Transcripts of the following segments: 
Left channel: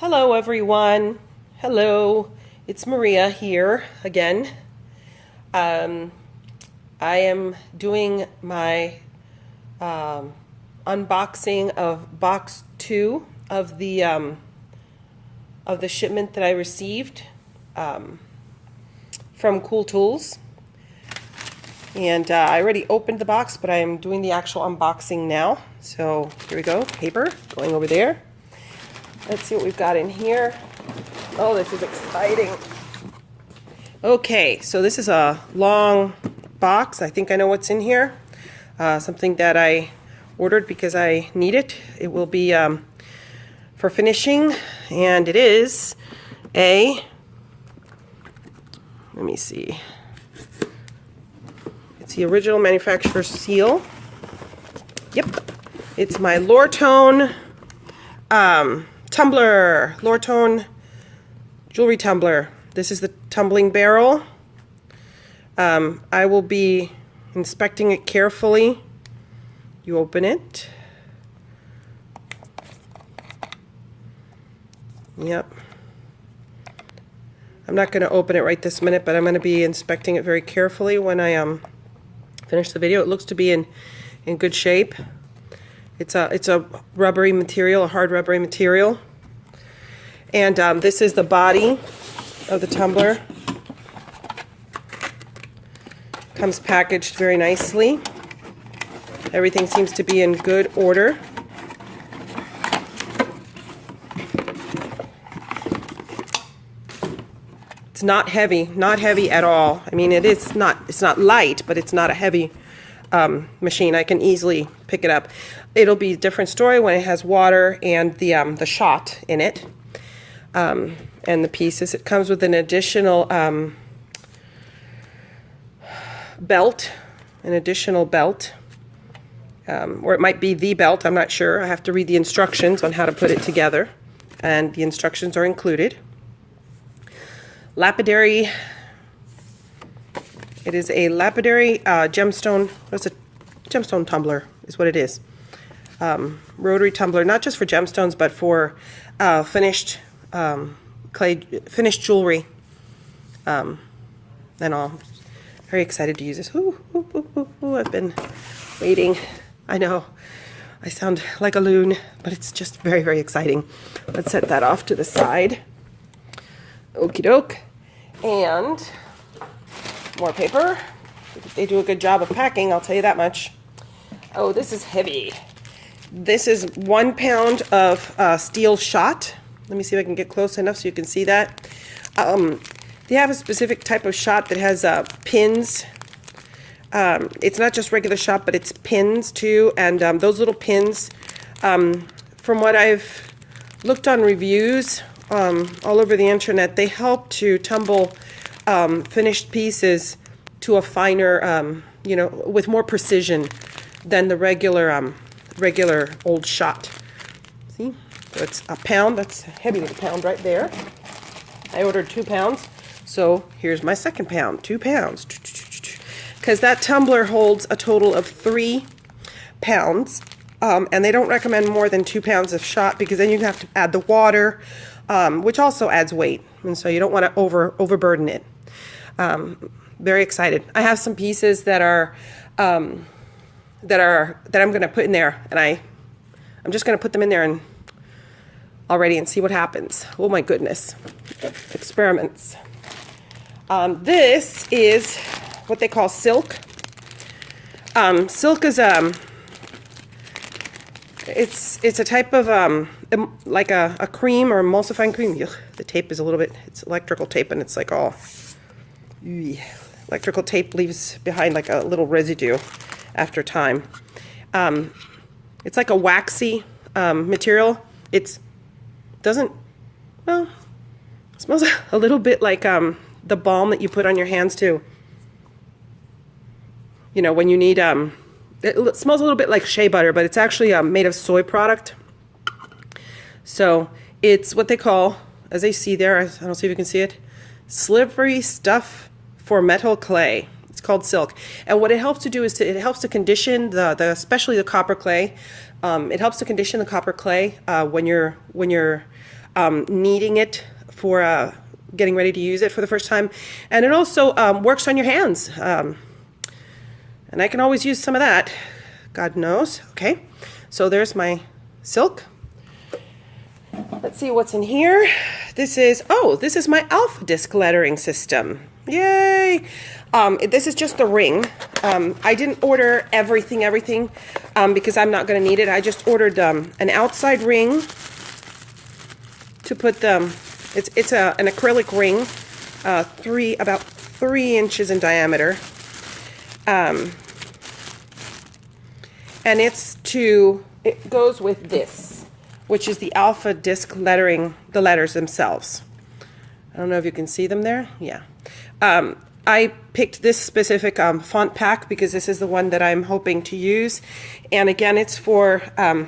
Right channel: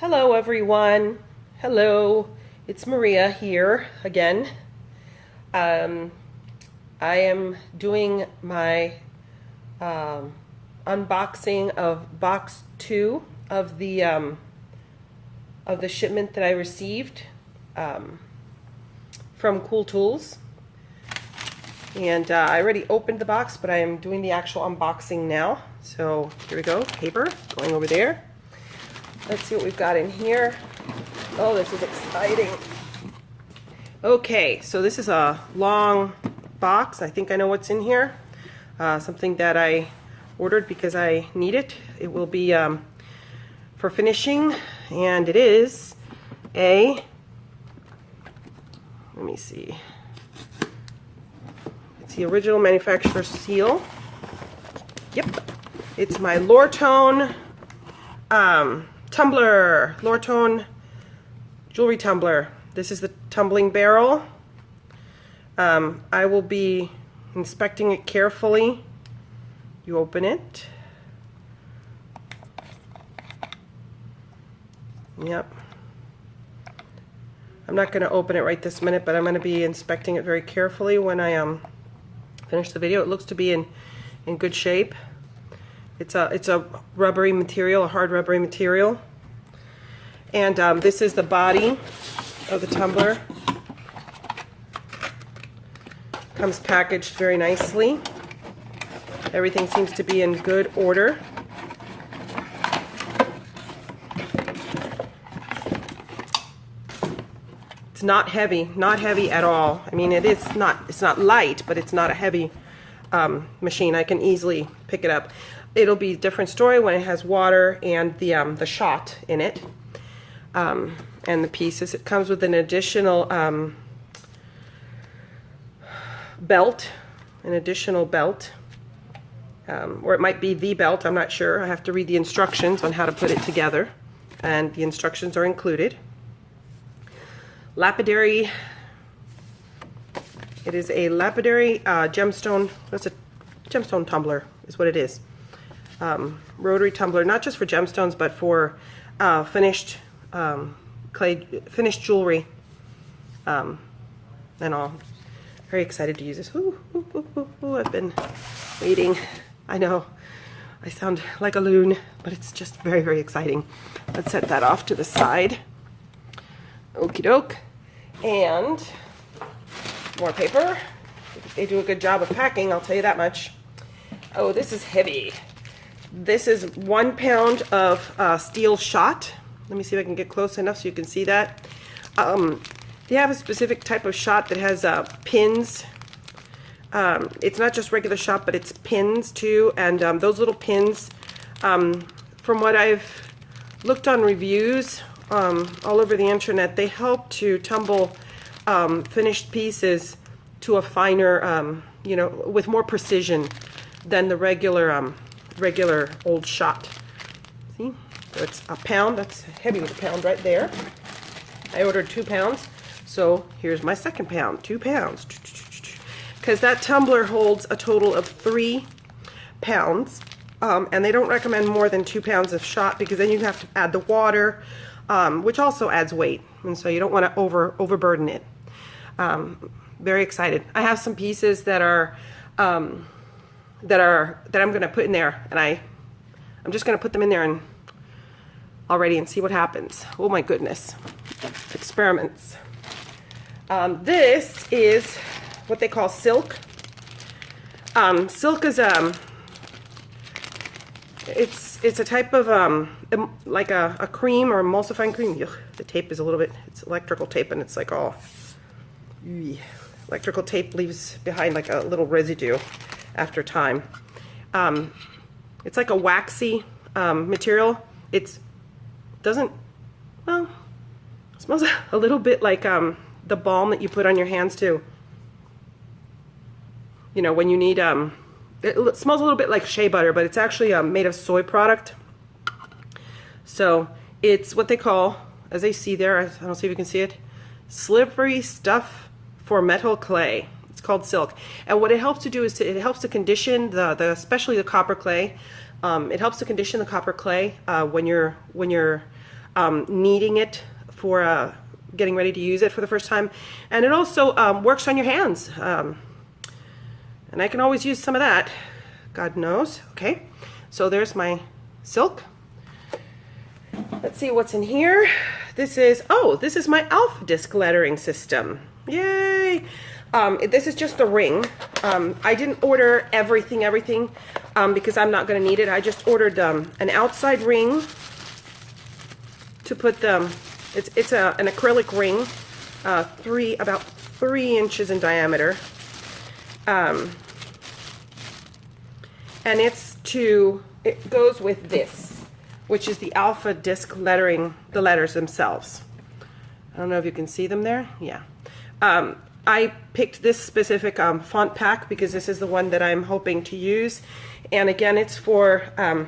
Hello everyone. Hello. It's Maria here again. Um, I am doing my unboxing of box 2 of the shipment that I received from Cool Tools. And I already opened the box, but I am doing the actual unboxing now. So here we go. Paper going over there. Let's see what we've got in here. Oh, this is exciting. Okay, so this is a long box. I think I know what's in here. Something that I ordered because I need it. It will be for finishing, and it is let me see. It's the original manufacturer seal. Yep. It's my Lortone tumbler, Lortone jewelry tumbler. This is the tumbling barrel. I will be inspecting it carefully. You open it. Yep. I'm not going to open it right this minute, but I'm going to be inspecting it very carefully when I finish the video. It looks to be in good shape. It's a rubbery material, a hard rubbery material. And this is the body of the tumbler. Comes packaged very nicely. Everything seems to be in good order. It's not heavy at all. I mean, it's not light, but it's not a heavy machine. I can easily pick it up. It'll be a different story when it has water and the shot in it, and the pieces. It comes with an additional belt, or it might be the belt. I'm not sure. I have to read the instructions on how to put it together, and the instructions are included. Lapidary. It is a lapidary gemstone. What's a gemstone tumbler? Is what it is. Rotary tumbler, not just for gemstones, but for finished jewelry, and all. Very excited to use this. I've been waiting. I know I sound like a loon, but it's just very, very exciting. Let's set that off to the side. Okie doke. And more paper. They do a good job of packing, I'll tell you that much. Oh, this is heavy. This is 1 pound of steel shot. Let me see if I can get close enough so you can see that. They have a specific type of shot that has pins. It's not just regular shot, but it's pins too. And those little pins, from what I've looked on reviews all over the internet, they help to tumble finished pieces to a finer, with more precision than the regular old shot. See, that's a pound. That's heavy with a pound right there. I ordered 2 pounds, so here's my second pound, 2 pounds. Because that tumbler holds a total of 3 pounds, and they don't recommend more than 2 pounds of shot because then you have to add the water, which also adds weight, and so you don't want to overburden it. Very excited. I have some pieces that I'm going to put in there, and I'm just going to put them in there and already and see what happens. Oh my goodness. Experiments. This is what they call silk. Silk is it's a type of like a cream or emulsifying cream. Ugh, the tape is a little bit, it's electrical tape, and it's like all electrical tape leaves behind like a little residue after time. It's like a waxy material. It smells a little bit like the balm that you put on your hands too. You know, when you need it smells a little bit like shea butter, but it's actually made of soy product. So it's what they call, as I see there, I don't see if you can see it, slippery stuff for metal clay. It's called silk, and what it helps to do is it helps to condition especially the copper clay. It helps to condition the copper clay when you're kneading it for getting ready to use it for the first time. And it also works on your hands. And I can always use some of that, God knows. Okay, so there's my silk. Let's see what's in here. This is my Alpha Disc lettering system. Yay! This is just the ring. I didn't order everything because I'm not going to need it. I just ordered an outside ring to put it's an acrylic ring, about 3 inches in diameter, and it goes with this, which is the Alpha Disc lettering, the letters themselves. I don't know if you can see them there. Yeah. I picked this specific font pack because this is the one that I'm hoping to use. And again, it's for a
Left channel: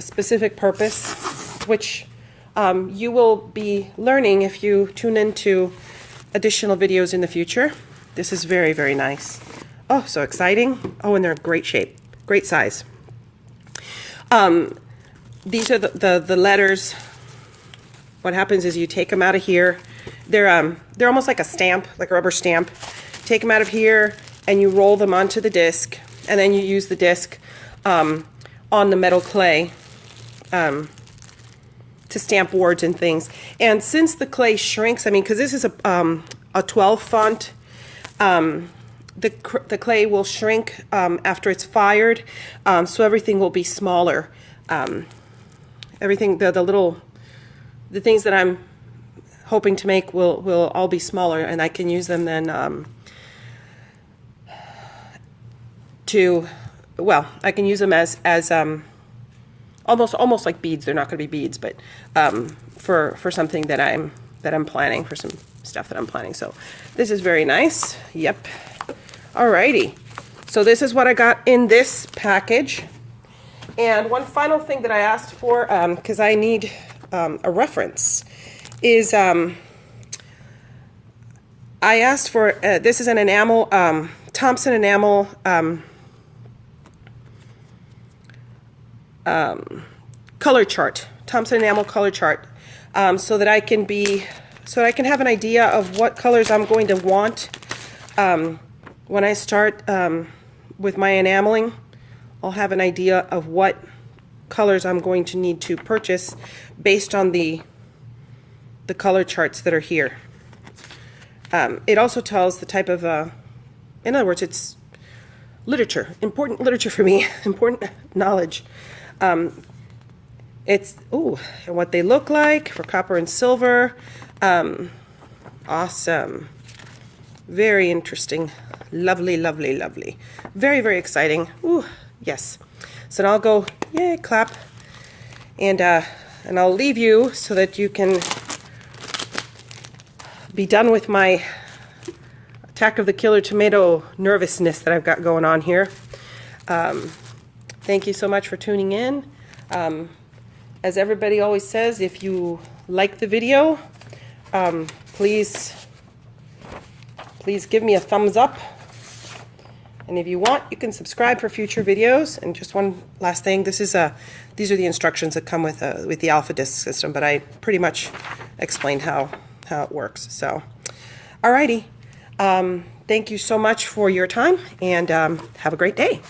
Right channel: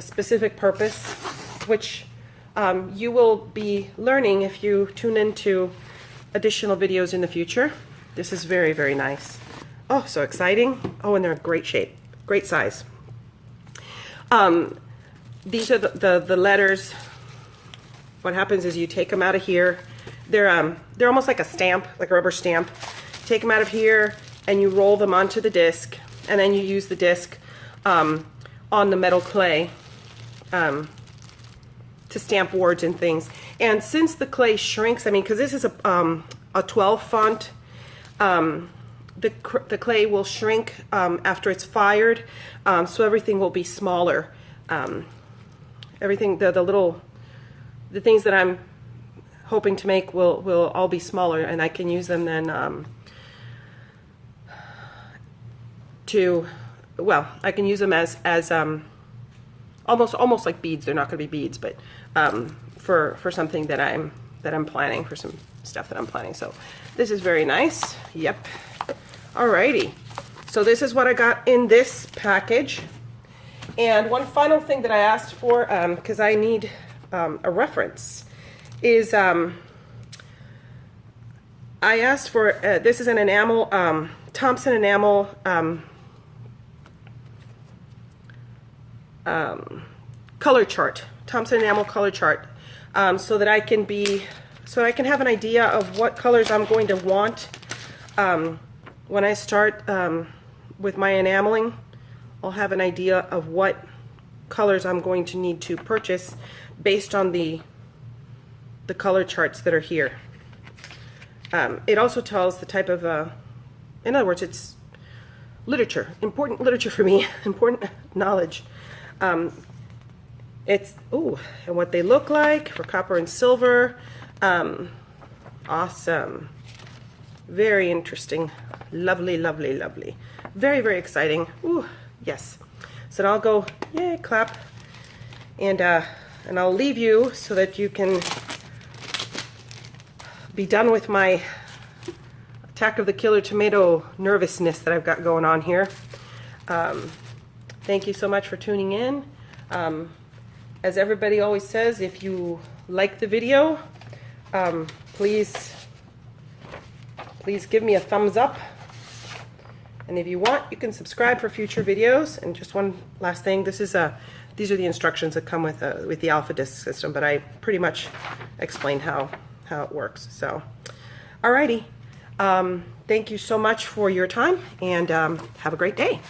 specific purpose, which you will be learning if you tune into additional videos in the future. This is very, very nice. Oh, so exciting. Oh, and they're in great shape, great size. These are the letters. What happens is you take them out of here. They're almost like a stamp, like a rubber stamp. Take them out of here and you roll them onto the disc, and then you use the disc on the metal clay to stamp words and things. And since the clay shrinks, I mean, because this is a 12 font, the clay will shrink after it's fired, so everything will be smaller. Everything, the things that I'm hoping to make will all be smaller, and I can use them then I can use them as almost like beads. They're not going to be beads, but for something that I'm planning, for some stuff that I'm planning. So this is very nice. Yep. Alrighty. So this is what I got in this package. And one final thing that I asked for, because I need a reference, is I asked for, this is an enamel, Thompson enamel color chart, Thompson enamel color chart, so that I can have an idea of what colors I'm going to want when I start with my enameling. I'll have an idea of what colors I'm going to need to purchase based on the color charts that are here. It also tells the type of, in other words, it's literature, important literature for me, important knowledge. It's, and what they look like for copper and silver. Awesome. Very interesting. Lovely, lovely, lovely. Very, very exciting. Ooh, yes. So now I'll go, yay, clap. And I'll leave you so that you can be done with my Attack of the Killer Tomato nervousness that I've got going on here. Thank you so much for tuning in. As everybody always says, if you like the video, please give me a thumbs up. And if you want, you can subscribe for future videos. And just one last thing, these are the instructions that come with the Alpha Disc system, but I pretty much explained how it works. So, alrighty. Thank you so much for your time, and have a great day.